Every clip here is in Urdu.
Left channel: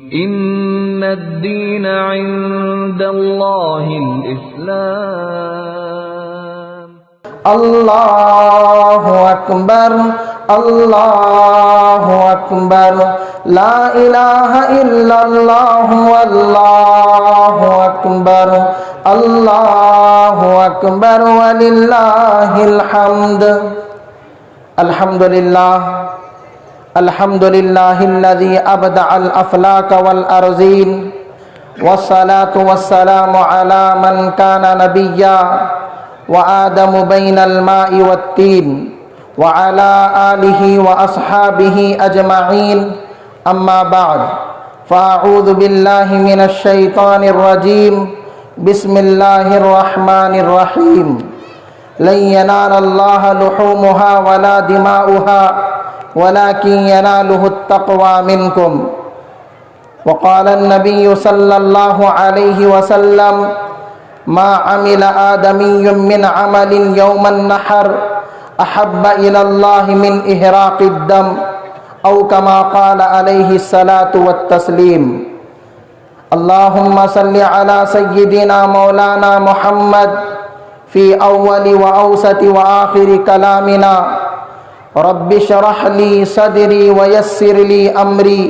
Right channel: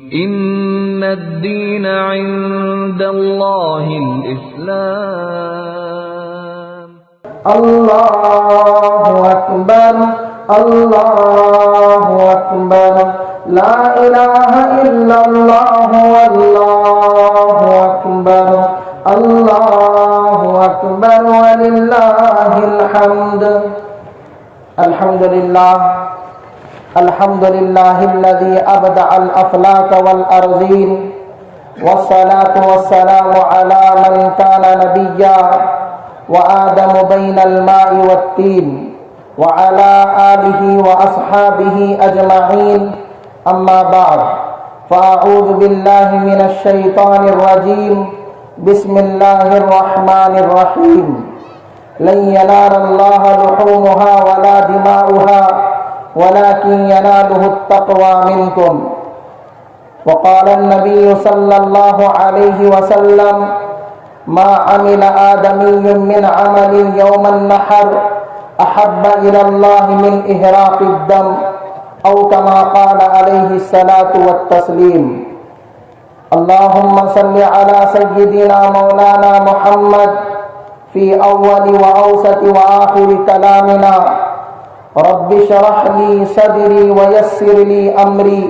إن الدين عند الله الإسلام. الله أكبر الله أكبر لا إله إلا الله والله أكبر الله أكبر ولله الحمد. الحمد لله الحمد لله الذي أبدع الأفلاك والأرضين، والصلاة والسلام على من كان نبيا وآدم بين الماء والتين وعلى آله وأصحابه أجمعين. أما بعد، فأعوذ بالله من الشيطان الرجيم. بسم الله الرحمن الرحيم. لن ينال الله لحومها ولا دماؤها ولكن يناله التقوى منكم. وقال النبي صلى الله عليه وسلم: ما عمل آدمي من عمل يوم النحر أحب إلى الله من إهراق الدم، أو كما قال عليه الصلاة والتسليم. اللهم صل على سيدنا مولانا محمد في أول وأوسط وآخر كلامنا. رب اشرح لي صدري ويسر لي أمري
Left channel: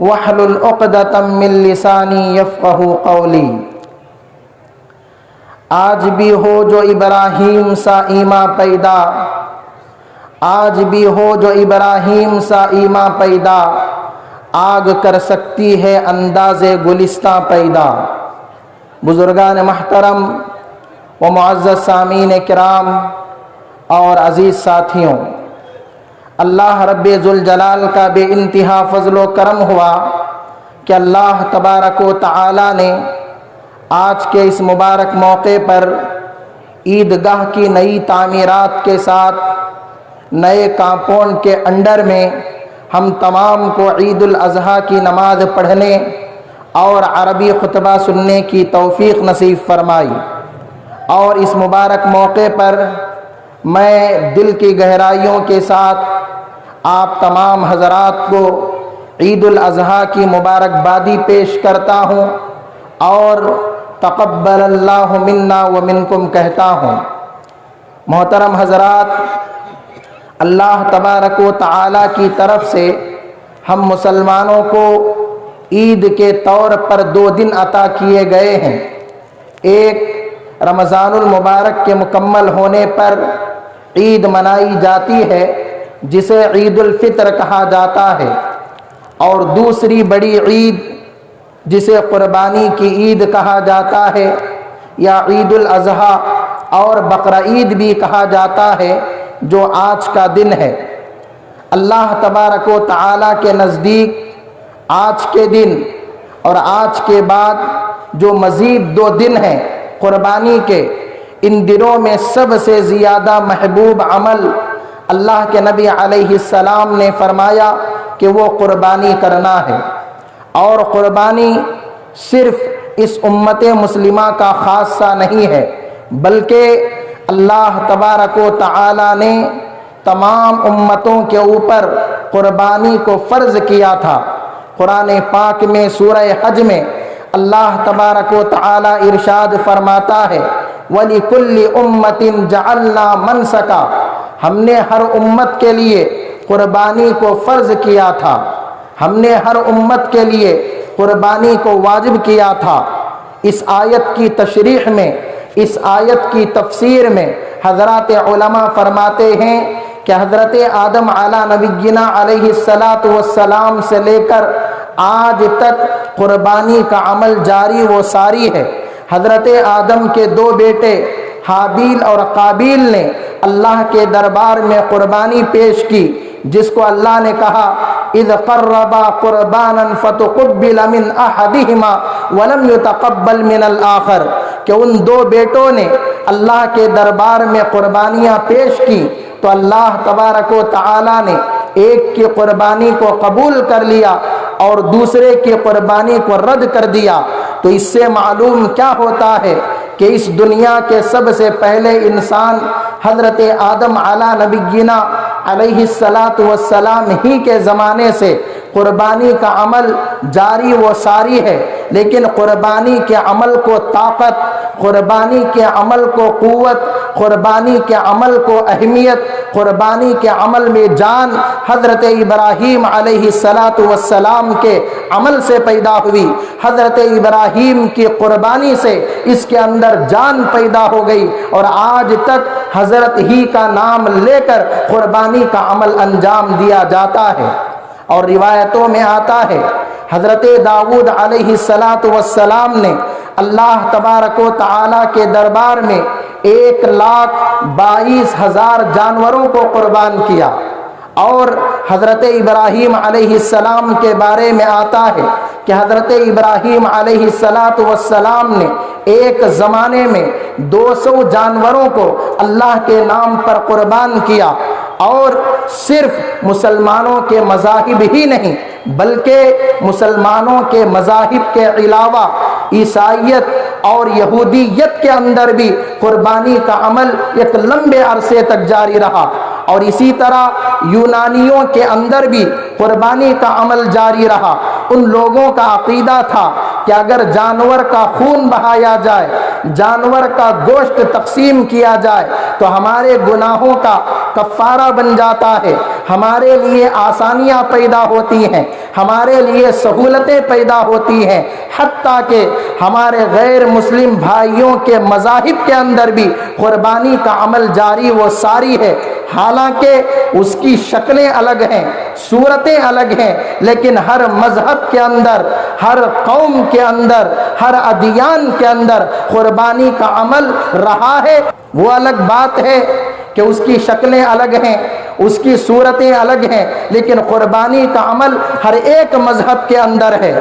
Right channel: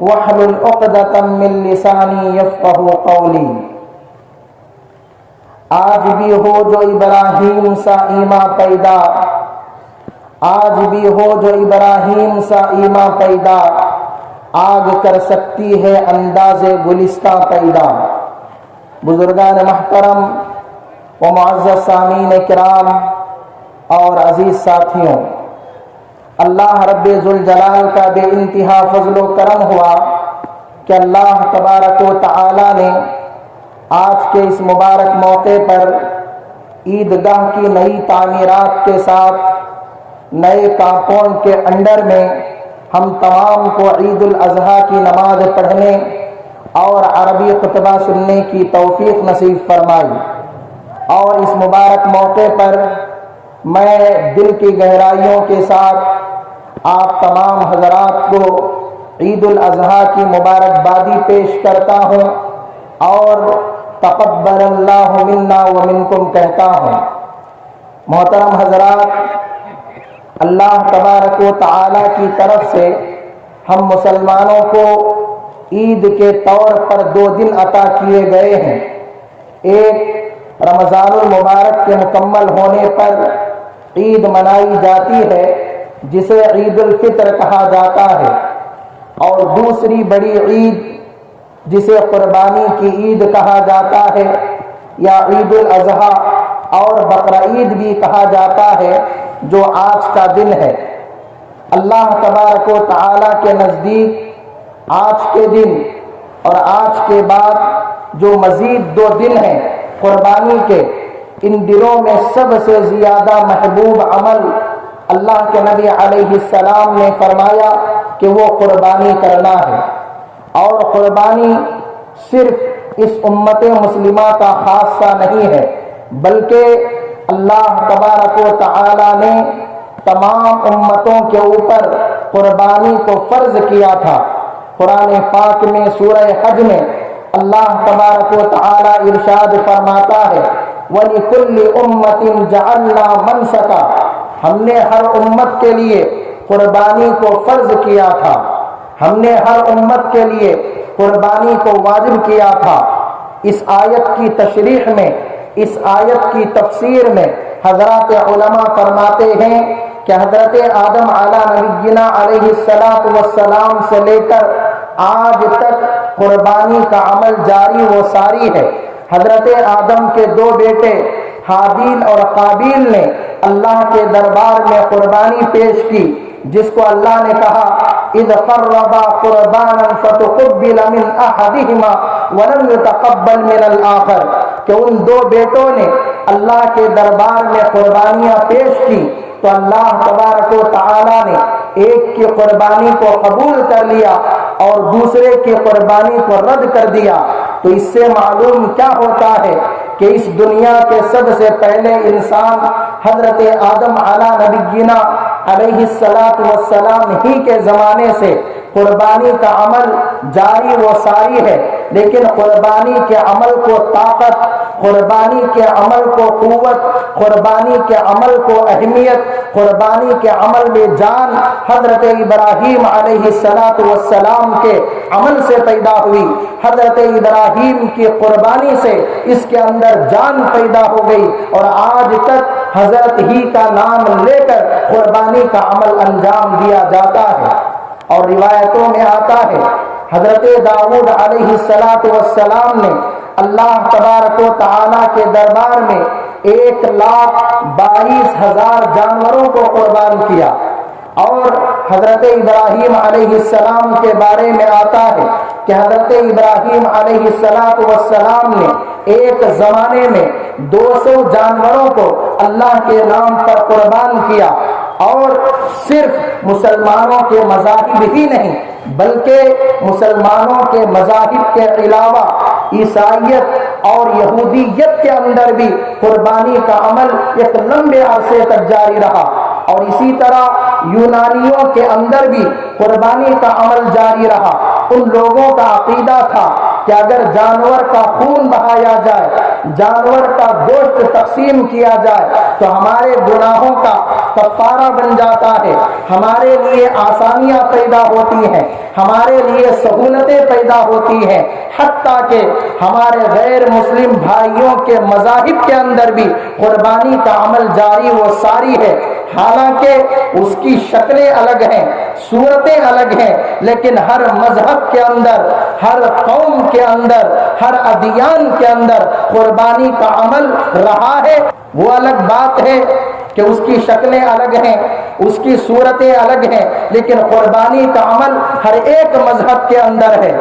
واحلل عقدة من لساني يفقه قولي. آج بھی ہو جو ابراہیم سا ایمان پیدا، آج بھی ہو جو ابراہیم سا ایمان پیدا، آگ کر سکتی ہے انداز گلستہ پیدا. بزرگان محترم و معزز سامعین کرام اور عزیز ساتھیوں، اللہ رب ذوالجلال کا بے انتہا فضل و کرم ہوا کہ اللہ تبارک و تعالی نے آج کے اس مبارک موقع پر عیدگاہ کی نئی تعمیرات کے ساتھ نئے کمپاؤنڈ کے انڈر میں ہم تمام کو عید الاضحیٰ کی نماز پڑھنے اور عربی خطبہ سننے کی توفیق نصیب فرمائی. اور اس مبارک موقع پر میں دل کی گہرائیوں کے ساتھ آپ تمام حضرات کو عید الاضحیٰ کی مبارکبادی پیش کرتا ہوں اور تقبل اللہ منا ومنکم کہتا ہوں. محترم حضرات، اللہ تبارک و تعالی کی طرف سے ہم مسلمانوں کو عید کے طور پر 2 دن عطا کیے گئے ہیں. ایک رمضان المبارک کے مکمل ہونے پر عید منائی جاتی ہے جسے عید الفطر کہا جاتا ہے، اور دوسری بڑی عید جسے قربانی کی عید کہا جاتا ہے یا عید الاضحیٰ اور بقرہ عید بھی کہا جاتا ہے، جو آج کا دن ہے. اللہ تبارک و تعالی کے نزدیک آج کے دن اور آج کے بعد جو مزید 2 دن ہیں قربانی کے، ان دنوں میں سب سے زیادہ محبوب عمل اللہ کے نبی علیہ السلام نے فرمایا کہ وہ قربانی کرنا ہے. اور قربانی صرف اس امت مسلمہ کا خاصہ نہیں ہے، بلکہ اللہ تبارک و تعالی نے تمام امتوں کے اوپر قربانی کو فرض کیا تھا. قرآن پاک میں سورہ حج میں اللہ تبارک و تعالی ارشاد فرماتا ہے: وَلِكُلِّ أُمَّةٍ جَعَلْنَا مَنْسَكًا. ہم نے ہر امت کے لیے قربانی کو فرض کیا تھا، ہم نے ہر امت کے لیے قربانی کو واجب کیا تھا. اس آیت کی تشریح میں، اس آیت کی تفسیر میں حضرات علماء فرماتے ہیں کہ حضرت آدم علی نبینا علیہ السلام سے لے کر آج تک قربانی کا عمل جاری و ساری ہے. حضرت آدم کے 2 بیٹے حابیل اور قابیل نے اللہ کے دربار میں قربانی پیش کی، جس کو اللہ نے کہا: اذ قربا قربانا فتقبل من احدهما ولم يتقبل من الاخر، کہ ان 2 بیٹوں نے اللہ کے دربار میں قربانیاں پیش کی تو اللہ تبارک و تعالی نے ایک کی قربانی کو قبول کر لیا اور دوسرے کی قربانی کو رد کر دیا. تو اس سے معلوم کیا ہوتا ہے کہ اس دنیا کے سب سے پہلے انسان حضرت آدم علی نبینا علیہ السلام ہی کے زمانے سے قربانی کا عمل جاری و ساری ہے، لیکن قربانی کے عمل کو طاقت، قربانی کے عمل کو قوت، قربانی کے عمل کو اہمیت، قربانی کے عمل میں جان حضرت ابراہیم علیہ السلام کے عمل سے پیدا ہوئی۔ حضرت ابراہیم کی قربانی سے اس کے اندر جان پیدا ہو گئی، اور آج تک حضرت ہی کا نام لے کر قربانی کا عمل انجام دیا جاتا ہے۔ اور روایتوں میں آتا ہے حضرت داؤد علیہ السلام نے اللہ تبارک و تعالی کے دربار میں 1,22,000 جانوروں کو قربان کیا۔ اور حضرت ابراہیم علیہ السلام کے بارے میں آتا ہے کہ حضرت ابراہیم علیہ السلام نے ایک زمانے میں 200 جانوروں کو اللہ کے نام پر قربان کیا۔ اور صرف مسلمانوں کے مذاہب ہی نہیں بلکہ مسلمانوں کے مذاہب کے علاوہ عیسائیت اور یہودیت کے اندر بھی قربانی کا عمل ایک لمبے عرصے تک جاری رہا، اور اسی طرح یونانیوں کے اندر بھی قربانی کا عمل جاری رہا۔ ان لوگوں کا عقیدہ تھا کہ اگر جانور کا خون بہایا جائے، جانور کا گوشت تقسیم کیا جائے تو ہمارے گناہوں کا کفارہ بن جاتا ہے، ہمارے لیے آسانیاں پیدا ہوتی ہیں، ہمارے لیے سہولتیں پیدا ہوتی ہیں، حتیٰ کہ ہمارے غیر مسلم بھائیوں کے مذاہب کے اندر بھی قربانی کا عمل جاری و ساری ہے۔ حالانکہ اس کی شکلیں الگ ہیں، صورتیں الگ ہیں، لیکن ہر مذہب کے اندر، ہر قوم کے اندر، ہر ادیان کے اندر قربانی کا عمل رہا ہے۔ وہ الگ بات ہے کہ اس کی شکلیں الگ ہیں، اس کی صورتیں الگ ہیں، لیکن قربانی کا عمل ہر ایک مذہب کے اندر ہے۔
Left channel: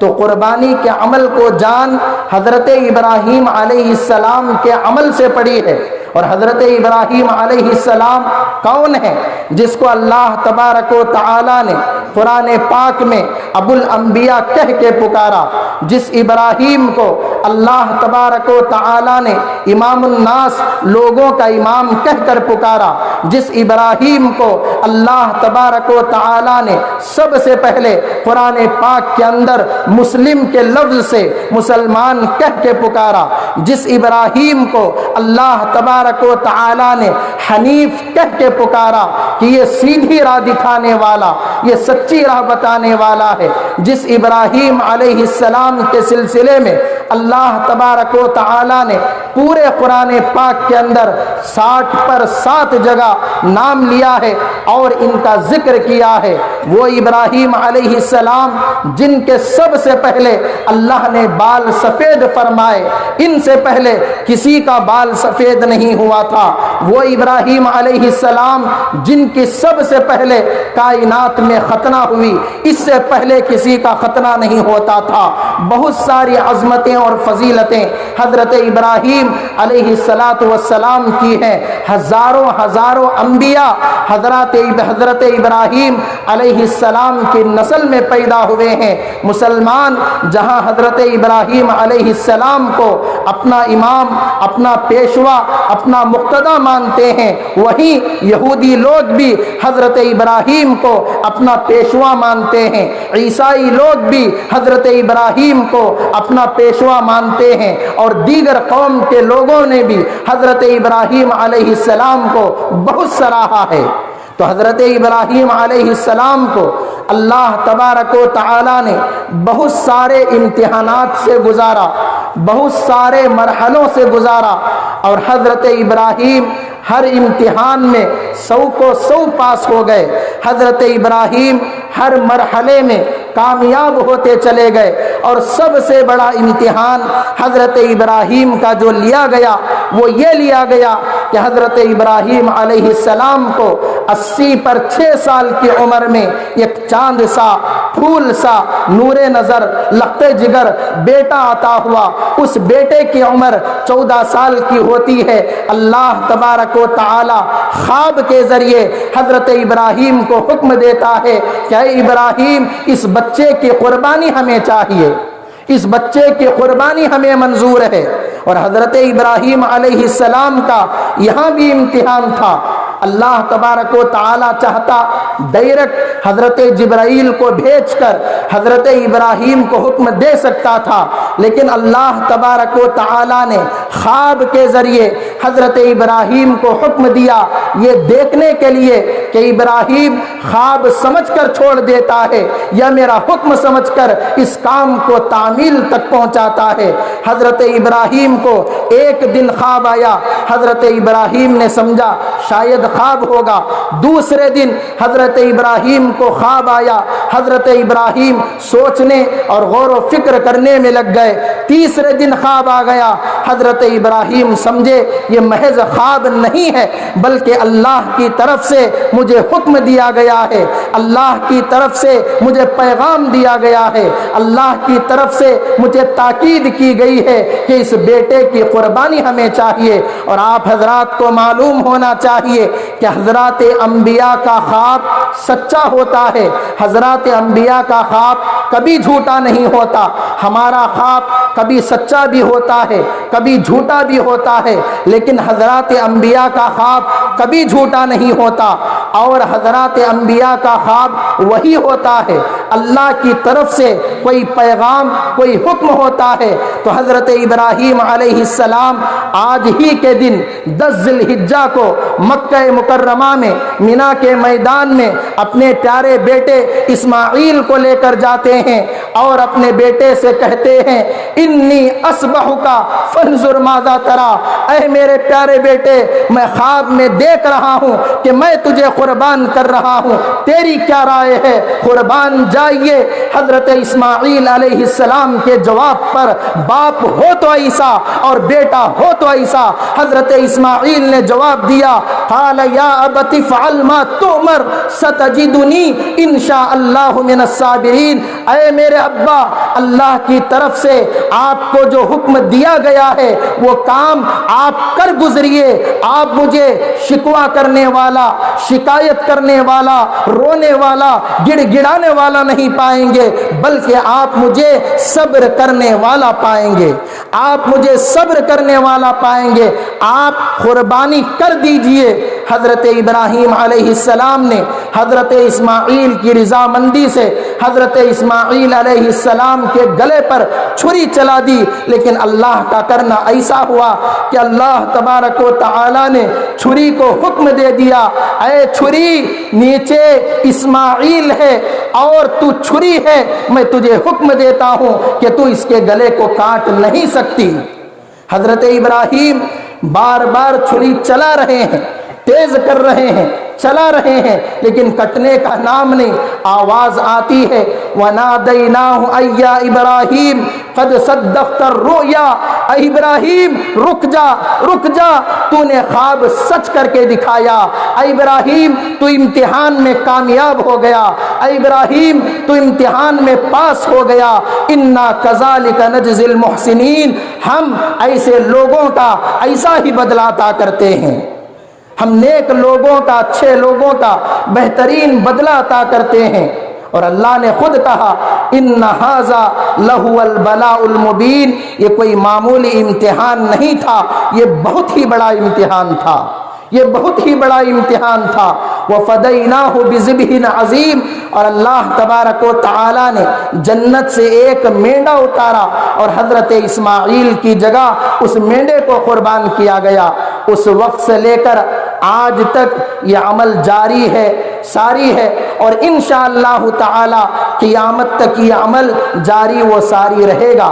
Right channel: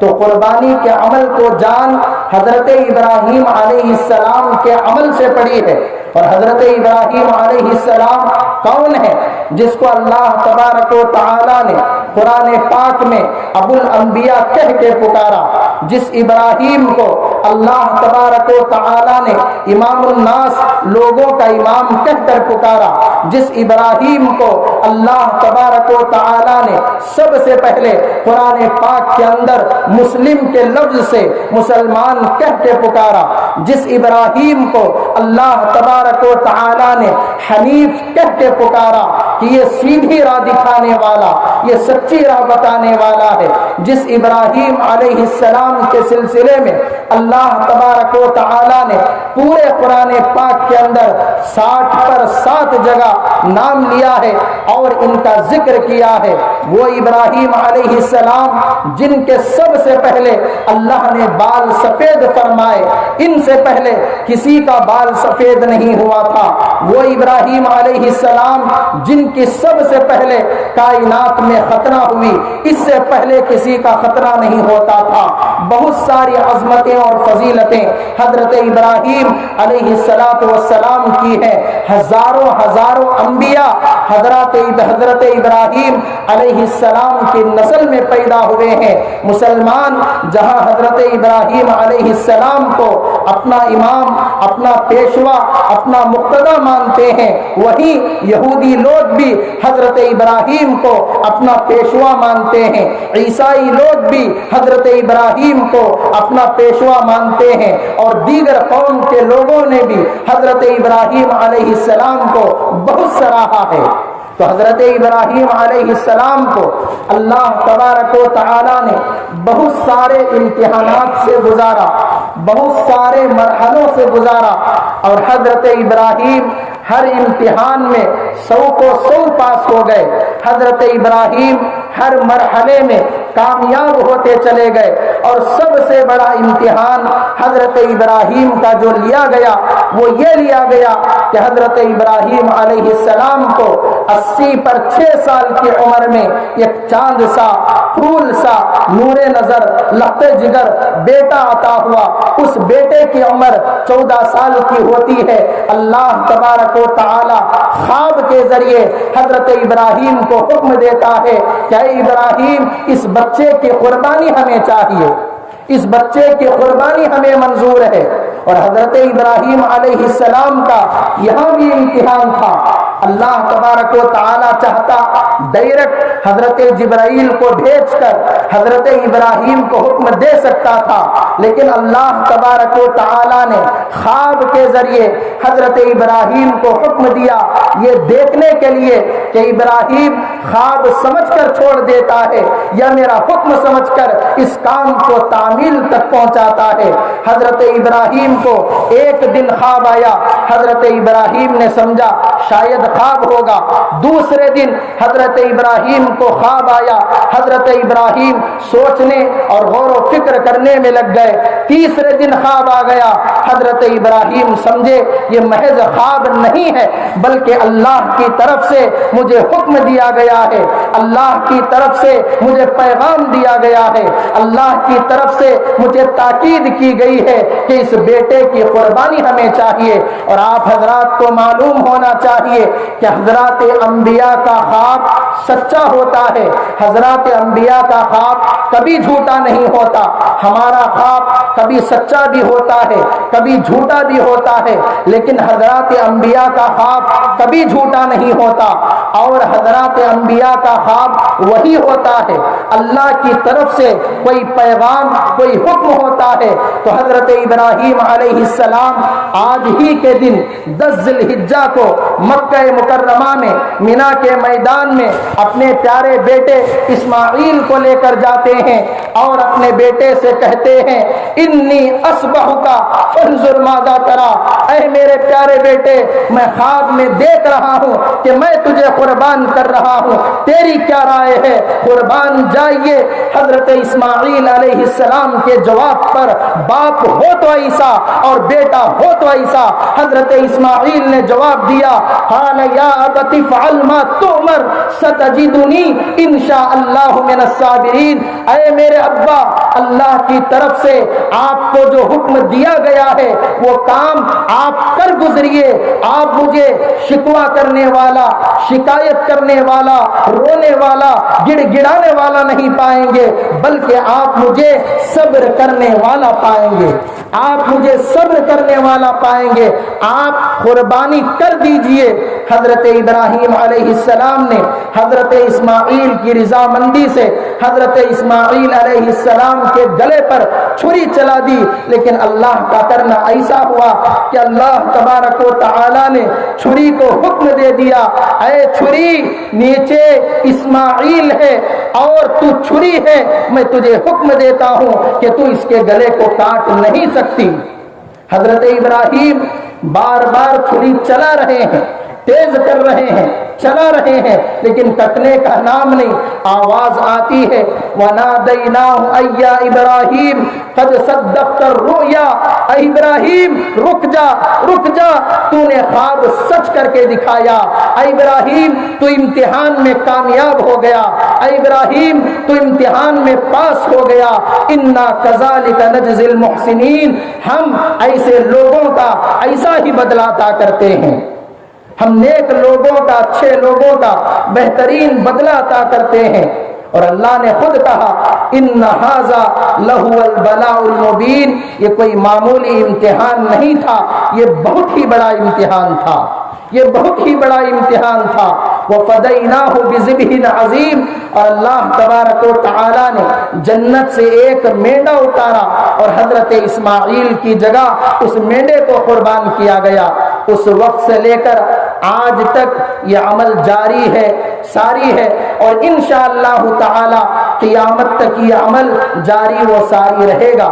تو قربانی کے عمل کو جان حضرت ابراہیم علیہ السلام کے عمل سے پڑی ہے۔ اور حضرت ابراہیم علیہ السلام کون ہے جس کو اللہ تبارک و تعالی نے قرآن پاک میں ابو الانبیاء کہہ کے پکارا، جس ابراہیم کو اللہ تبارک و تعالی نے امام الناس، لوگوں کا امام کہہ کر پکارا، جس ابراہیم کو اللہ تبارک و تعالی نے سب سے پہلے قرآن پاک کے اندر مسلم کے لفظ سے مسلمان کہہ کے پکارا، جس ابراہیم کو اللہ تبارک و تعالی نے حنیف کہہ کے پکارا کہ یہ سیدھی راہ دکھانے والا، یہ سچی راہ بتانے والا ہے، جس ابراہیم علیہ السلام کے سلسلے میں اللہ تبارک و تعالی نے پورے قرآن پاک کے اندر 60 پر 7 جگہ نام لیا ہے اور ان کا ذکر کیا ہے، وہ ابراہیم علیہ السلام جن کے سب سے پہلے اللہ نے بال سفید فرمائے، ان سے پہلے کسی کا بال سفید نہیں ہوا تھا۔ وہ ابراہیم علیہ السلام جن کی سب سے پہلے کائنات میں ختنہ ہوئی، اس سے پہلے کسی کا ختنہ نہیں ہوتا تھا۔ بہت ساری عظمتیں اور فضیلتیں حضرت ابراہیم علیہ السلام کی ہیں۔ ہزاروں انبیاء حضرت ابراہیم علیہ السلام کی نسل میں پیدا ہوئے ہیں۔ مسلمان جہاں حضرت ابراہیم علیہ السلام کو اپنا امام، اپنا پیشوا، اپنا مقتدی مانتے ہیں، وہیں یہودی لوگ بھی حضرت ابراہیم کو اپنا پیشوا مانتے ہیں، عیسائی لوگ بھی حضرت ابراہیم کو اپنا پیشوا مانتے ہیں، اور دیگر قوم کے لوگوں نے بھی حضرت ابراہیم علیہ السلام کو بہت سراہا ہے۔ تو حضرت ابراہیم علیہ السلام کو اللہ تبارک و تعالی نے بہت سارے امتحانات سے گزارا، بہت سارے مرحلوں سے گزارا، اور حضرت ابراہیم ہر امتحان میں 100 کو 100 پاس ہو گئے۔ حضرت ابراہیم ہر مرحلے میں کامیاب ہوتے چلے گئے، اور سب سے بڑا امتحان حضرت ابراہیم کا جو لیا گیا وہ یہ لیا گیا کہ حضرت ابراہیم علیہ السلام کو 80 پر 6 سال کی عمر میں ایک چاند سا، پھول سا، نور نظر، لخت جگر بیٹا عطا ہوا۔ اس بیٹے کی عمر 14 سال کی ہوتی ہے۔ اللہ تبارک و تعالی خواب کے ذریعے حضرت ابراہیم کو حکم دیتا ہے کہ اے ابراہیم، اس بچے کی قربانی ہمیں چاہیے، اس بچے کی قربانی ہمیں منظور ہے۔ اور حضرت ابراہیم علیہ السلام کا یہاں بھی امتحان تھا اللہ تبارک و تعالی چاہتا ڈائریکٹ حضرت جبرائیل کو بھیج کر حضرت ابراہیم کو حکم دے سکتا تھا، لیکن اللہ تبارک و تعالی نے خواب کے ذریعے حضرت ابراہیم کو حکم دیا، یہ دیکھنے کے لیے کہ ابراہیم خواب سمجھ کر چھوڑ دیتا ہے یا میرا حکم سمجھ کر اس کام کو تعمیل تک پہنچاتا ہے۔ حضرت ابراہیم کو ایک دن خواب آیا، حضرت ابراہیم نے سمجھا شاید خواب ہوگا۔ دوسرے دن حضرت ابراہیم کو خواب آیا، حضرت ابراہیم سوچنے اور غور و فکر کرنے میں لگ گئے۔ تیسرے دن خواب آ گیا، حضرت ابراہیم سمجھے یہ محض خواب نہیں ہے بلکہ اللہ کی طرف سے مجھے حکم دیا گیا ہے، اللہ کی طرف سے مجھے پیغام دیا گیا ہے، اللہ کی طرف سے مجھے تاکید کی گئی ہے کہ اس بیٹے کی قربانی ہمیں چاہیے۔ اور آپ حضرات کو معلوم ہونا چاہیے کہ حضرات انبیاء کا خواب سچا ہوتا ہے، حضرات انبیاء کا خواب کبھی جھوٹا نہیں ہوتا۔ ہمارا خواب کبھی سچا بھی ہوتا ہے، کبھی جھوٹا بھی ہوتا ہے، لیکن حضرات انبیاء کا خواب کبھی جھوٹا نہیں ہوتا۔ اور حضرات انبیاء کا خواب وہی ہوتا ہے، اللہ کی طرف سے کوئی پیغام، کوئی حکم ہوتا ہے تو حضرت ابراہیم علیہ السلام آج ہی کے دن 10 ذی الحجہ کو مکہ مکرمہ میں مینا کے میدان میں اپنے پیارے بیٹے اسماعیل کو لے کر جاتے ہیں اور اپنے بیٹے سے کہتے ہیں انی اصبحک فانظر ماذا تری، اے میرے پیارے بیٹے میں خواب میں دیکھ رہا ہوں کہ میں تجھے قربان کر رہا ہوں، تیری کیا رائے ہے، قربان جائیے۔ حضرت اسماعیل علیہ السلام کے جواب پر باپ ہو تو عیسیٰ اور بیٹا ہو تو عیسیٰ، حضرت اسماعیل نے جواب دیا قال یا ابت افعل ما تؤمر ستجدنی انشاء اللہ من الصابرین، اے میرے ابا اللہ کی طرف سے آپ کو جو حکم دیا گیا ہے وہ کام آپ کر گزریے، آپ مجھے شکوہ کرنے والا، شکایت کرنے والا، رونے والا، گڑ گڑانے والا نہیں پائیں گے بلکہ آپ مجھے صبر کرنے والا پائیں گے، آپ مجھے صبر کرنے والا پائیں گے، آپ قربانی کر دیجئے۔ حضرت ابراہیم علیہ السلام نے حضرت اسماعیل کی رضامندی سے حضرت اسماعیل علیہ السلام کے گلے پر چھری چلا دی، لیکن اللہ کا کرنا ایسا ہوا کہ اللہ تبارک و تعالی نے چھری کو حکم دے دیا، اے چھری نیچے اسماعیل ہے اور تو چھری ہے، میں تجھے حکم دیتا ہوں کہ تو اس کے گلے کو کاٹ نہیں سکتی۔ حضرت ابراہیم بار بار چھری چلا رہے ہیں، تیز کر رہے ہیں، چلا رہے ہیں، لیکن کٹنے کا نام نہیں۔ آواز آتی ہے وَنَادَيْنَاهُ أَيْ يَا إِبْرَاهِيمُ قَدْ صَدَّقْتَ الرُّؤْيَا، اے ابراہیم رک جا، رک جا، تو نے خواب سچ کر کے دکھایا، اے ابراہیم تو امتحان میں کامیاب ہو گیا، اے ابراہیم تو امتحان میں پاس ہو گیا۔ اِنَّا كَذَلِكَ نَجْزِي الْمُحْسِنِينَ، ہم ایسے لوگوں کا ایسا ہی بدلہ عطا کرتے ہیں، ہم نیک لوگوں کا، اچھے لوگوں کا بہترین بدلہ عطا کرتے ہیں۔ اور اللہ نے خود کہا ان ھذا لہو البلاء المبین، یہ کوئی معمولی امتحان نہیں تھا، یہ بہت ہی بڑا امتحان تھا، یہ بہت ہی بڑا امتحان تھا۔ وَفَدَيْنَاهُ بِذِبْحٍ عَظِيمٍ، اور اللہ تبارک و تعالی نے جنت سے ایک مینڈا اتارا اور حضرت اسماعیل کی جگہ اس مینڈے کو قربان کیا گیا۔ اس وقت سے لے کر آج تک یہ عمل جاری ہے، ساری ہے، اور انشاءاللہ تعالی قیامت تک یہ عمل جاری و ساری رہے گا۔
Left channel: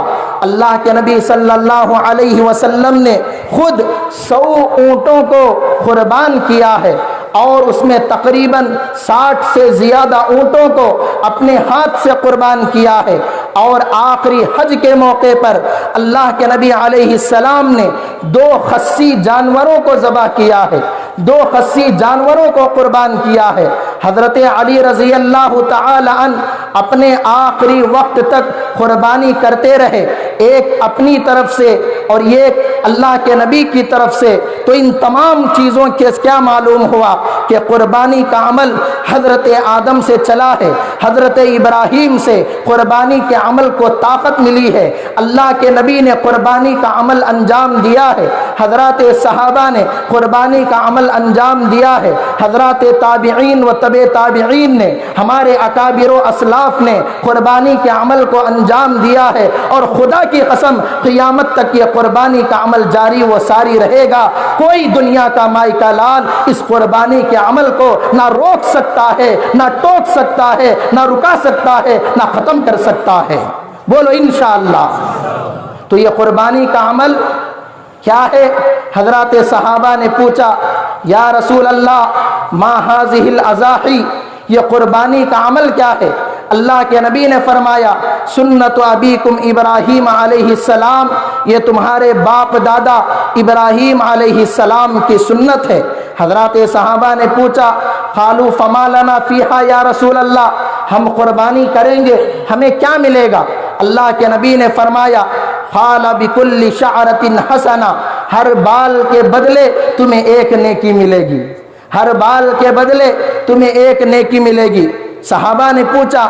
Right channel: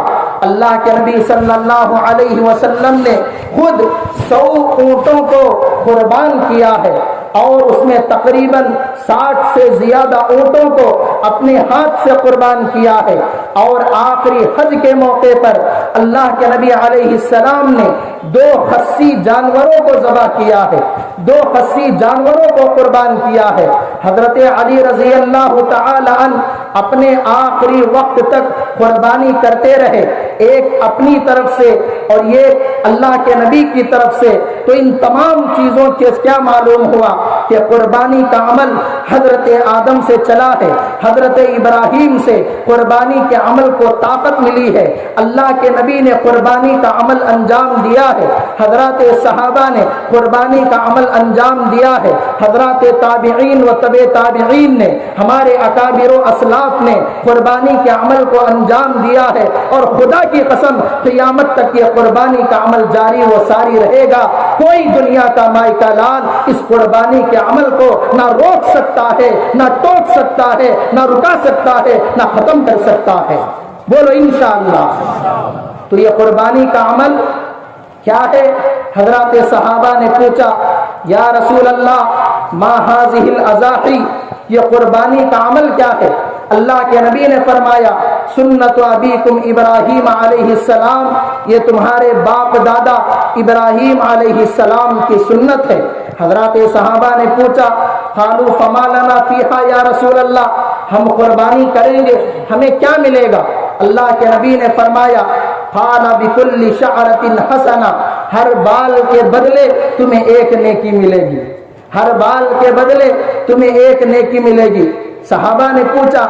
اللہ کے نبی صلی اللہ علیہ وسلم نے خود 100 اونٹوں کو قربان کیا ہے اور اس میں تقریباً 60 سے زیادہ اونٹوں کو اپنے ہاتھ سے قربان کیا ہے۔ اور آخری حج کے موقع پر اللہ کے نبی علیہ السلام نے 2 خصی جانوروں کو ذبح کیا ہے، 2 خصی جانوروں کو قربان کیا ہے۔ حضرت علی رضی اللہ تعالی عنہ اپنے آخری وقت تک قربانی کرتے رہے، ایک اپنی طرف سے اور یہ اللہ کے نبی کی طرف سے۔ تو ان تمام چیزوں کے کیا معلوم ہوا کہ قربانی کا عمل حضرت آدم سے چلا ہے، حضرت ابراہیم سے قربانی کے عمل کو طاقت ملی ہے، اللہ کے نبی نے قربانی کا عمل انجام دیا ہے، حضرات صحابہ نے قربانی کا عمل انجام دیا ہے، حضرات تابعین و تبع تابعین نے، ہمارے اکابر و اسلاف نے قربانی کے عمل کو انجام دیا ہے، اور خدا کی قسم قیامت تک یہ قربانی کا عمل جاری و ساری رہے گا۔ کوئی دنیا کا مائکہ لال اس قربانی کے عمل کو نہ روک سکتا ہے، نہ ٹوک سکتا ہے، نہ رکا سکتا ہے، نہ ختم کر سکتا ہے۔ بولو انشاءاللہ۔ تو یہ قربانی کا عمل کیا ہے؟ حضرات صحابہ نے پوچھا یا رسول اللہ ما هذه الاضاحی، یہ قربانی کا عمل کیا ہے؟ اللہ کے نبی نے فرمایا سنت ابیکم ابراہیم علیہ السلام، یہ تمہارے باپ دادا ابراہیم علیہ السلام کی سنت ہے۔ حضرات صحابہ نے پوچھا قالوا فما لنا فیہا یا رسول اللہ، ہم قربانی کریں گے ہمیں کیا ملے گا؟ اللہ کے نبی نے فرمایا قال بکل شعرۃ حسنہ، ہر بال کے بدلے تمہیں ایک نیکی ملے گی، ہر بال کے بدلے تمہیں ایک نیکی ملے گی۔ صحابہ نے پوچھا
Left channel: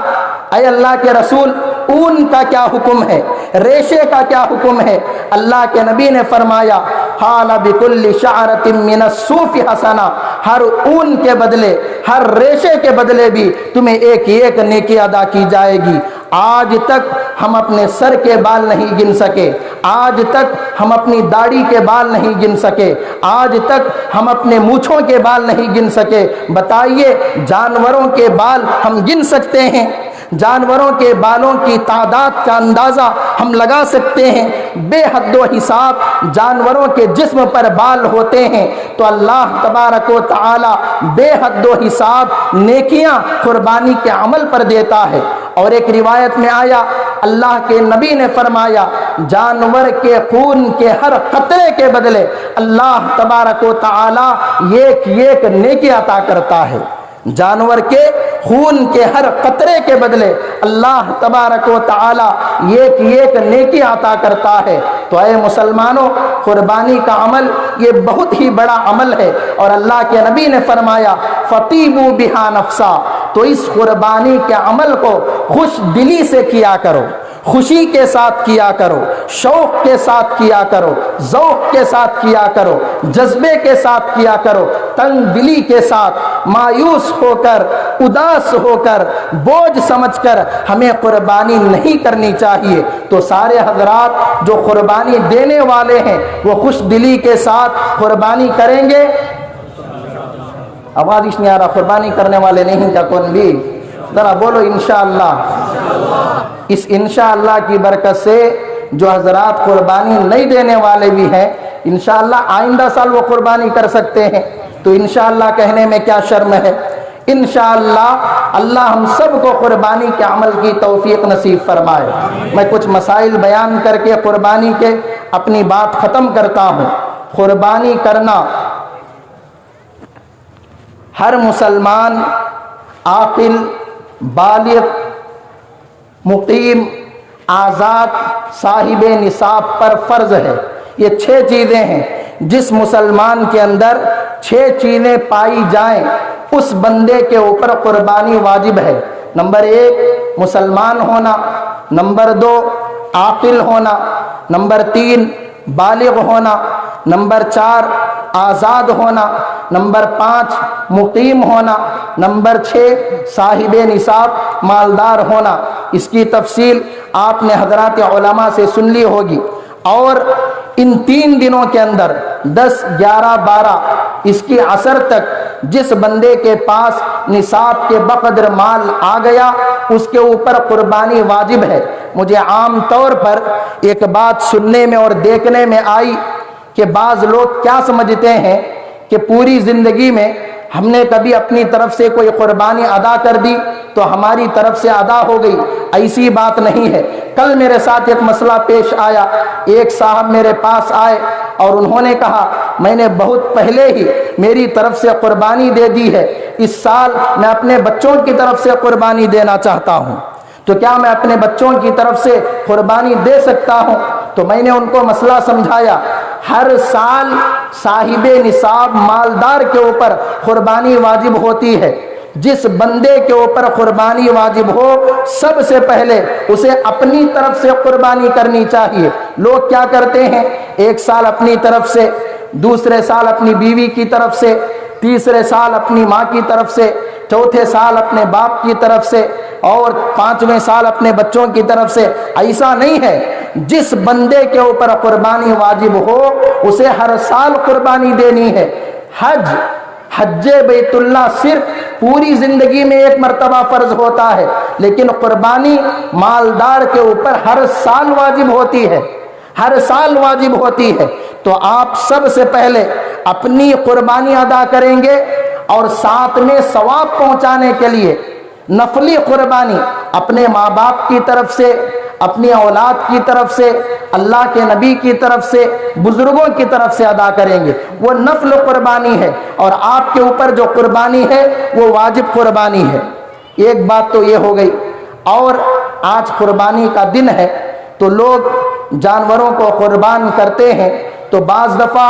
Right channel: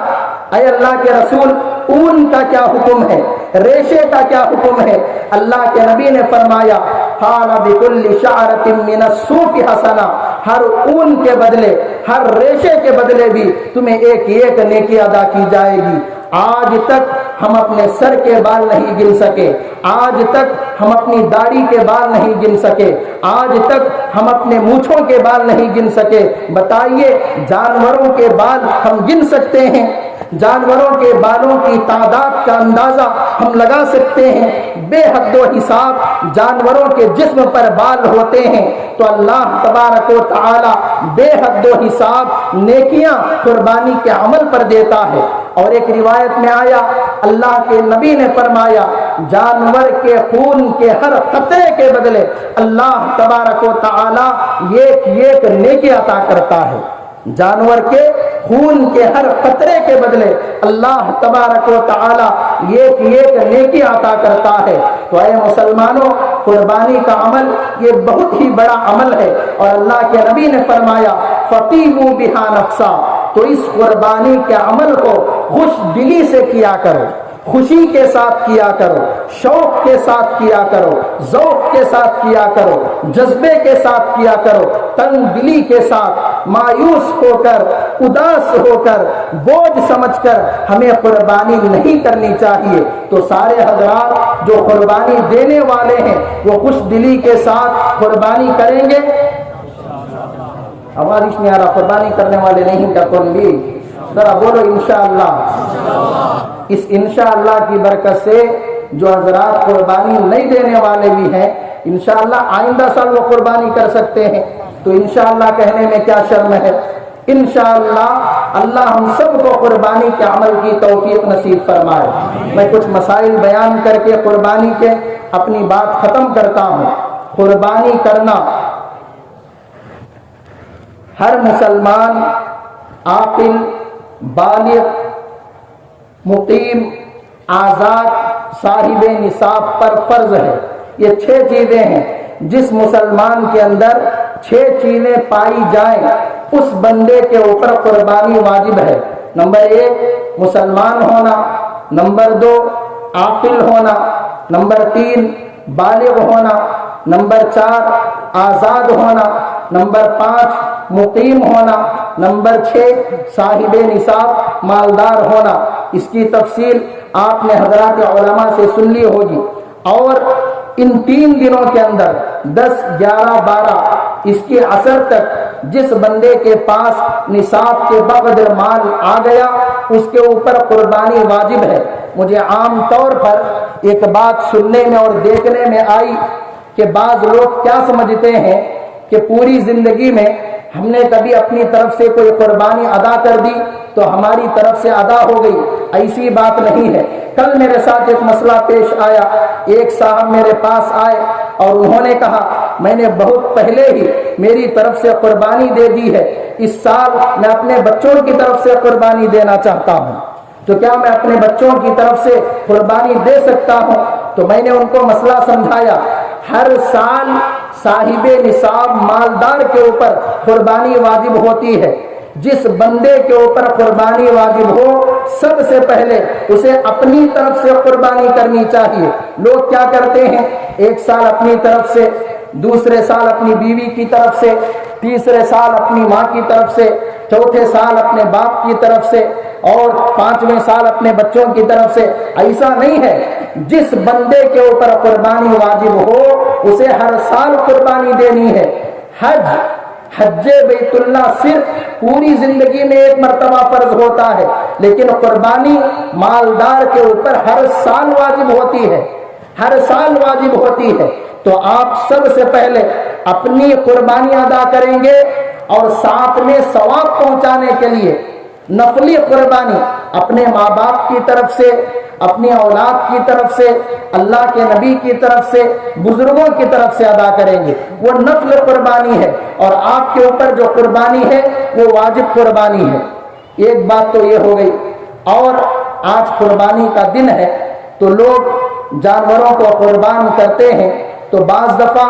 اے اللہ کے رسول اون کا کیا حکم ہے، ریشے کا کیا حکم ہے؟ اللہ کے نبی نے فرمایا قال بکل شعرۃ من الصوف حسنہ، ہر اون کے بدلے، ہر ریشے کے بدلے بھی تمہیں ایک ایک نیکی ادا کی جائے گی۔ آج تک ہم اپنے سر کے بال نہیں گن سکے، آج تک ہم اپنی داڑھی کے بال نہیں گن سکے، آج تک ہم اپنے مونچھوں کے بال نہیں گن سکے۔ بتائیے جانوروں کے بال ہم گن سکتے ہیں؟ جانوروں کے بالوں کی تعداد کا اندازہ ہم لگا سکتے ہیں؟ بے حد و حساب جانوروں کے جسم پر بال ہوتے ہیں، تو اللہ تبارک و تعالی بے حد و حساب نیکیاں قربانی کے عمل پر دیتا ہے۔ اور ایک روایت میں آیا اللہ کے نبی نے فرمایا جانور کے خون کے ہر قطرے کے بدلے اللہ تبارک و تعالی ایک ایک نیکی عطا کرتا ہے۔ جانور کے خون کے ہر قطرے کے بدلے اللہ تبارک و تعالی ایک ایک نیکی عطا کرتا ہے۔ تو اے مسلمانوں، قربانی کا عمل یہ بہت ہی بڑا عمل ہے، اور اللہ کے نبی نے فرمایا فطیبوا بہا نفسا، تو اس قربانی کے عمل کو خوش دلی سے کیا کرو، خوشی کے ساتھ کیا کرو، شوق کے ساتھ کیا کرو، ذوق کے ساتھ کیا کرو، جذبے کے ساتھ کیا کرو، تنگ دلی کے ساتھ، مایوس ہو کر، اداس ہو کر، بوجھ سمجھ کر ہمیں قربانی نہیں کرنی چاہیے۔ تو سارے حضرات جو قربانی دینے والے ہیں وہ خوش دلی کے ساتھ قربانی کریں گے؟ آواز اس نہیں آ رہا، قربانی کرنے والے نہیں کیا کون بھی؟ ذرا بولو انشاءاللہ۔ اس انشاءاللہ کی برکت سے جو حضرات قربانی نہیں دینے والے بھی ہیں انشاءاللہ آئندہ سال وہ قربانی کر سکتے ہیں، تو انشاءاللہ کہنے میں کیا شرم ہے؟ انشاءاللہ اللہ ہم سب کو قربانی کے عمل کی توفیق نصیب فرمائے۔ میں کچھ مسائل بیان کر کے قربانی کے اپنی بات ختم کرتا ہوں۔ قربانی کرنا ہر مسلمان عاقل، بالغ، مقیم، آزاد، صاحب نصاب پر فرض ہے۔ یہ 6 چیزیں ہیں، جس مسلمان کے اندر 6 چیزیں پائی جائیں اس بندے کے اوپر قربانی واجب ہے۔ نمبر 1 مسلمان ہونا، نمبر 2 عاقل ہونا، نمبر 3 بالغ ہونا، نمبر 4 آزاد ہونا، نمبر 5 مقیم ہونا، نمبر 6 صاحب نصاب مالدار ہونا۔ اس کی تفصیل آپ نے حضرات علماء سے سن لی ہوگی۔ اور ان 3 دنوں کے اندر 10، 11، 12 اس کی عصر تک جس بندے کے پاس نصاب کے بقدر مال آ گیا اس کے اوپر قربانی واجب ہے۔ مجھے عام طور پر ایک بات سننے میں اور دیکھنے میں آئی کہ بعض لوگ کیا سمجھتے ہیں کہ پوری زندگی میں ہم نے کبھی اپنی طرف سے کوئی قربانی ادا کر دی تو ہماری طرف سے ادا ہو گئی۔ ایسی بات نہیں ہے۔ کل میرے ساتھ ایک مسئلہ پیش آیا، ایک صاحب میرے پاس آئے اور انہوں نے کہا میں نے بہت پہلے ہی میری طرف سے قربانی دے دی ہے، اس سال میں اپنے بچوں کی طرف سے قربانی دینا چاہتا ہوں، تو کیا میں اپنے بچوں کی طرف سے قربانی دے سکتا ہوں؟ تو میں نے ان کو مسئلہ سمجھایا۔ ہر سال صاحب نصاب مالدار کے اوپر قربانی واجب ہوتی ہے۔ جس بندے کے اوپر قربانی واجب ہو سب سے پہلے اسے اپنی طرف سے قربانی کرنی چاہیے۔ لوگ کیا کرتے ہیں، ایک سال اپنی طرف سے، دوسرے سال اپنی بیوی کی طرف سے، تیسرے سال اپنی ماں کی طرف سے، چوتھے سال اپنے باپ کی طرف سے، اور پانچویں سال اپنے بچوں کی طرف سے۔ ایسا نہیں ہے، جس بندے کے اوپر قربانی واجب ہو اسے ہر سال قربانی دینی ہے۔ حج بیت اللہ صرف پوری زندگی میں ایک مرتبہ فرض ہوتا ہے، لیکن قربانی مالدار کے اوپر ہر سال واجب ہوتی ہے، ہر سال واجب ہوتی ہے۔ تو آپ سب سے پہلے اپنی قربانی ادا کریں گے، اور ساتھ میں ثواب پہنچانے کے لیے نفلی قربانی اپنے ماں باپ کی طرف سے، اپنی اولاد کی طرف سے، اللہ کے نبی کی طرف سے، بزرگوں کی طرف سے ادا کریں گے۔ وہ نفل قربانی ہے، اور آپ کے اوپر جو قربانی ہے وہ واجب قربانی ہے۔ ایک بات تو یہ ہو گئی۔ اور آج قربانی کا دن ہے تو لوگ جانوروں کو قربان کرتے ہیں، تو بعض دفعہ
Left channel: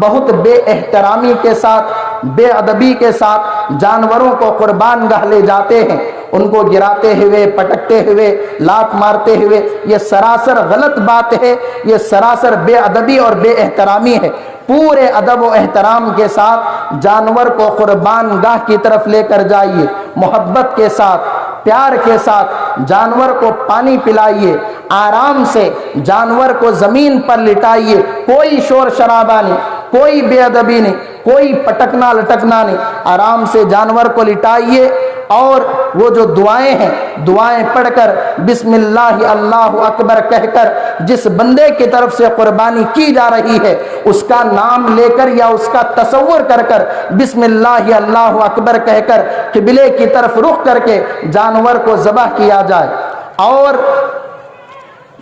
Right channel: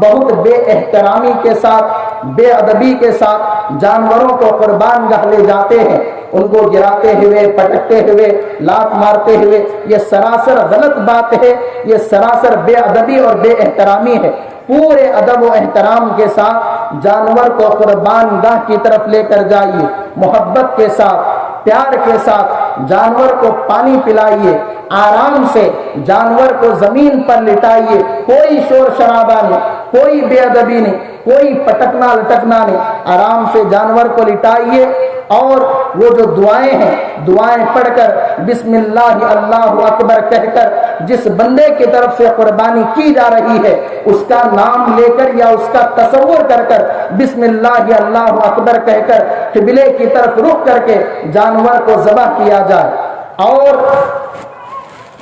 بہت بے احترامی کے ساتھ، بے ادبی کے ساتھ جانوروں کو قربان گاہ لے جاتے ہیں، ان کو گراتے ہوئے، پٹکتے ہوئے، لات مارتے ہوئے۔ یہ سراسر غلط بات ہے، یہ سراسر بے ادبی اور بے احترامی ہے۔ پورے ادب و احترام کے ساتھ جانور کو قربان گاہ کی طرف لے کر جائیے، محبت کے ساتھ، پیار کے ساتھ جانور کو پانی پلائیے، آرام سے جانور کو زمین پر لٹائیے، کوئی شور شرابہ نہیں، کوئی بے ادبی نہیں، کوئی پٹکنا لٹکنا نہیں، آرام سے جانور کو لٹائیے، اور وہ جو دعائیں ہیں، دعائیں پڑھ کر بسم اللہ اللہ اکبر کہہ کر جس بندے کی طرف سے قربانی کی جا رہی ہے اس کا نام لے کر یا اس کا تصور کر کر بسم اللہ اللہ اکبر کہہ کر قبلے کی طرف رخ کر کے جانور کو ذبح کیا جائے۔ اور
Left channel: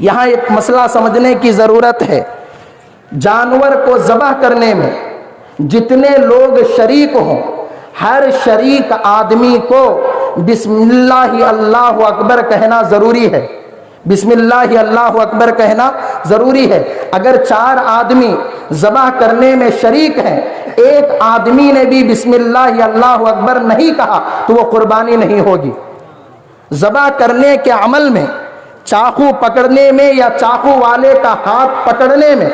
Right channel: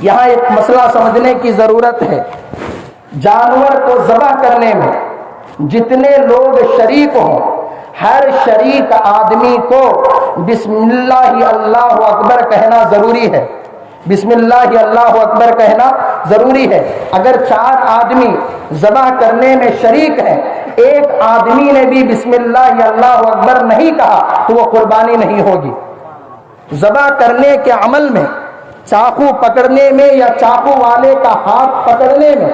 یہاں ایک مسئلہ سمجھنے کی ضرورت ہے، جانور کو ذبح کرنے میں جتنے لوگ شریک ہوں، ہر شریک آدمی کو بسم اللہ اللہ اکبر کہنا ضروری ہے، بسم اللہ اللہ اکبر کہنا ضروری ہے۔ اگر 4 آدمی ذبح کرنے میں شریک ہیں، ایک آدمی نے بھی بسم اللہ اللہ اکبر نہیں کہا تو وہ قربانی نہیں ہوگی۔ ذبح کرنے کے عمل میں، چاقو پکڑنے میں یا چاقو والے کا ہاتھ پکڑنے میں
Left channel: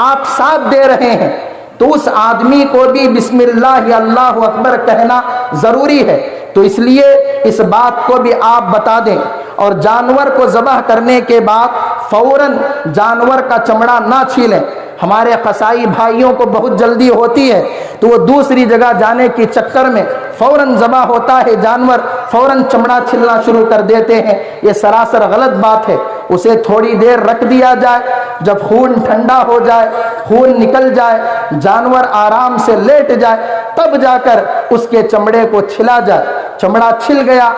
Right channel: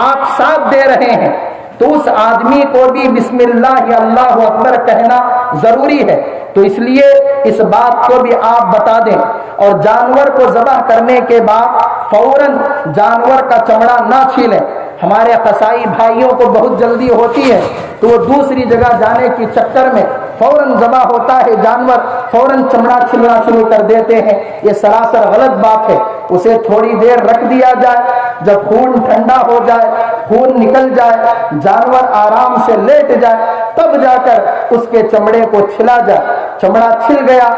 آپ ساتھ دے رہے ہیں تو اس آدمی کو بھی بسم اللہ اللہ اکبر کہنا ضروری ہے۔ تو اس لیے اس بات کو بھی آپ بتا دیں، اور جانور کو ذبح کرنے کے بعد فوراً جانور کا چمڑا نہ چھیلیں۔ ہمارے قصائی بھائیوں کو بہت جلدی ہوتی ہے تو وہ دوسری جگہ جانے کی چکر میں فوراً ذبح ہوتا ہے جانور، فوراً چمڑا چھلنا شروع کر دیتے ہیں۔ یہ سراسر غلط بات ہے۔ اسے تھوڑی دیر رکھ دیا جائے، جب خون ٹھنڈا ہو جائے، خون نکل جائے، جانور آرام سے لیٹ جائے، تب جا کر اس کے چمڑے کو چھلا جائے۔ چمڑا چھل گیا،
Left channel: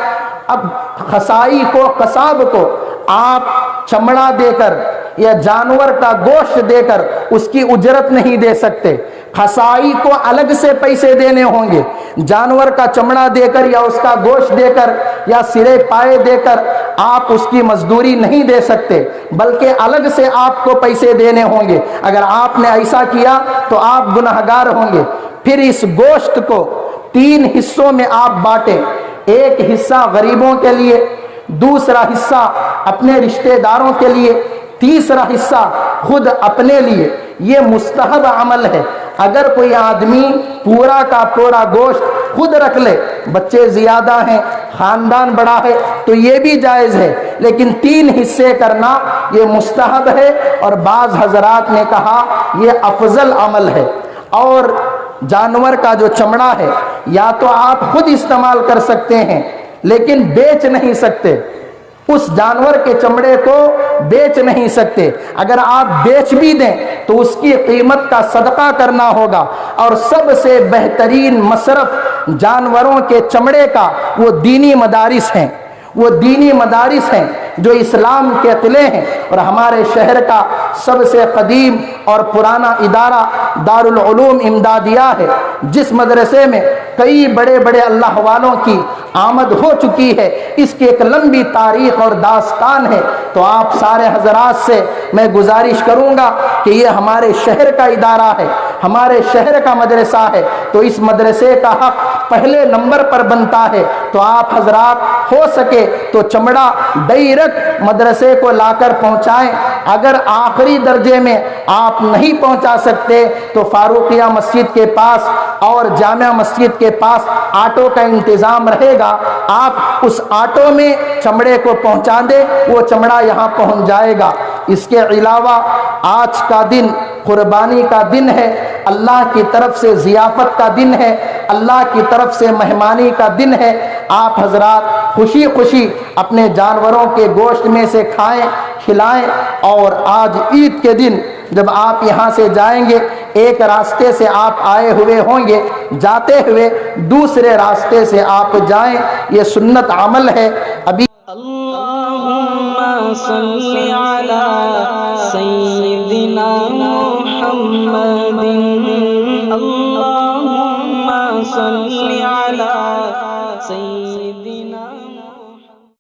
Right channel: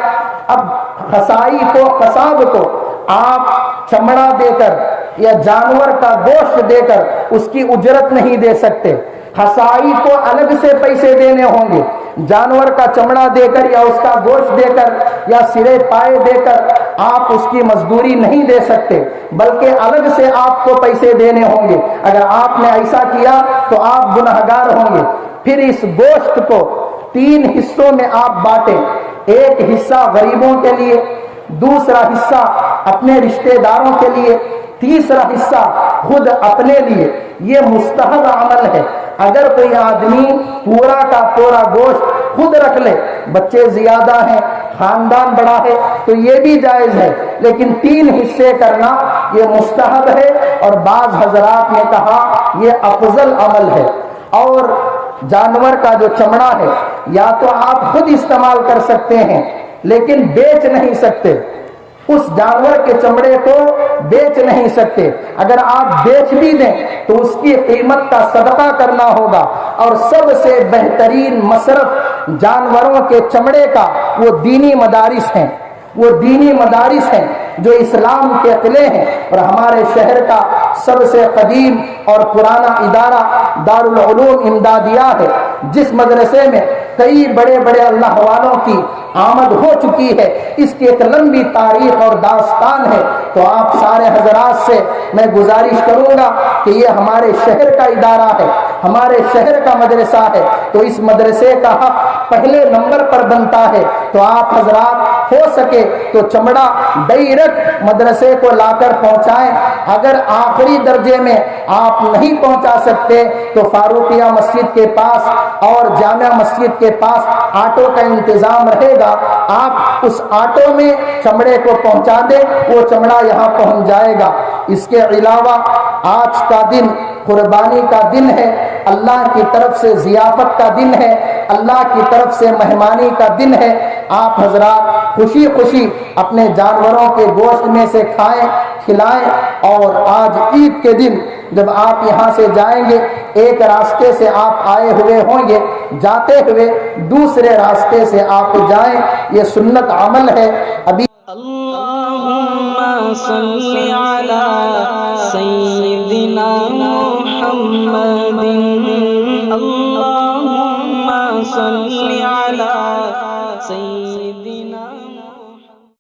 اب قصائی کو، قصاب کو آپ چمڑا دے کر یا جانور کا گوشت دے کر اس کی اجرت نہیں دے سکتے۔ قصائی کو الگ سے پیسے دینے ہوں گے، جانور کا چمڑا دے کر یا اس کا گوشت دے کر یا سرے پائے دے کر آپ اس کی مزدوری نہیں دے سکتے، بلکہ الگ سے آپ کو پیسے دینے ہوں گے۔ اگر آپ نے ایسا کیا تو آپ گنہگار ہوں گے۔ پھر اس گوشت کو 3 حصوں میں آپ بانٹیں، ایک حصہ غریبوں کے لیے، دوسرا حصہ اپنے رشتہ داروں کے لیے، تیسرا حصہ خود اپنے لیے۔ یہ مستحب عمل ہے۔ اگر کوئی آدمی پورا کا پورا گوشت خود رکھ لے، بچے زیادہ ہیں، خاندان بڑا ہے، تو یہ بھی جائز ہے، لیکن 3 حصے کرنا یہ مستحب ہے، اور بعض حضرات نے کہا یہ افضل عمل ہے۔ اور جانور کا جو چمڑا ہے یا تو آپ خود استعمال کر سکتے ہیں لیکن بیچ نہیں سکتے، اس جانور کے چمڑے کو بیچ نہیں سکتے۔ اگر آپ بیچ بھی دیں تو اس کی قیمت کا صدقہ کرنا ہوگا، اور سب سے بہترین مصرف جانوروں کے چمڑے کا وہ دینی مدارس ہیں، وہ دینی مدارس ہیں جو اسلام کے قلعے ہیں۔ اور ہمارے شہر کا سب سے قدیم اور پرانا ادارہ دارالعلوم امدادیہ ہے، جس مدرسے میں کئی بڑے بڑے اللہ والوں کی آمد ہو چکی ہے، اس کی ایک لمبی تاریخ اور داستان ہے۔ تو آپ سارے حضرات سے میں گزارش کروں گا کہ یہ ہمارے شہر کا ادارہ ہے، ہمارے شہر کا مدرسہ ہے، تو اس مدرسے کا حق پہلے نمبر پر بنتا ہے۔ تو آپ حضرات ہو سکے تو چمڑا ڈائریکٹ مدرسے کو لا کر پہنچائیں۔ اگر آخری درجے میں آپ نہیں پہنچا سکتے تو فاروقیہ مسجد کے پاس اور جامع مسجد کے پاس آٹو کا انتظام رہے گا، آپ اس آٹو میں چمڑے کو پہنچا دیں، وہ چمڑا یہاں پہنچ جائے گا۔ اس کے علاوہ آج کا دن قربانی کا دن ہے، اللہ کی طرف سے ضیافت کا دن ہے، اللہ کی طرف سے مہمانی کا دن ہے۔ آپ حضرات خوشی خوشی اپنے جانوروں کے گوشت میں سے کھائیں، کھلائیں، اور آج عید کے دن جب آپ یہاں سے جائیں گے، ایک راستے سے آپ آئے ہوئے ہوں گے، جاتے ہوئے دوسرے راستے سے آپ جائیں، یہ سنت عمل ہے۔ ابھی اللہم صلی علی سیدنا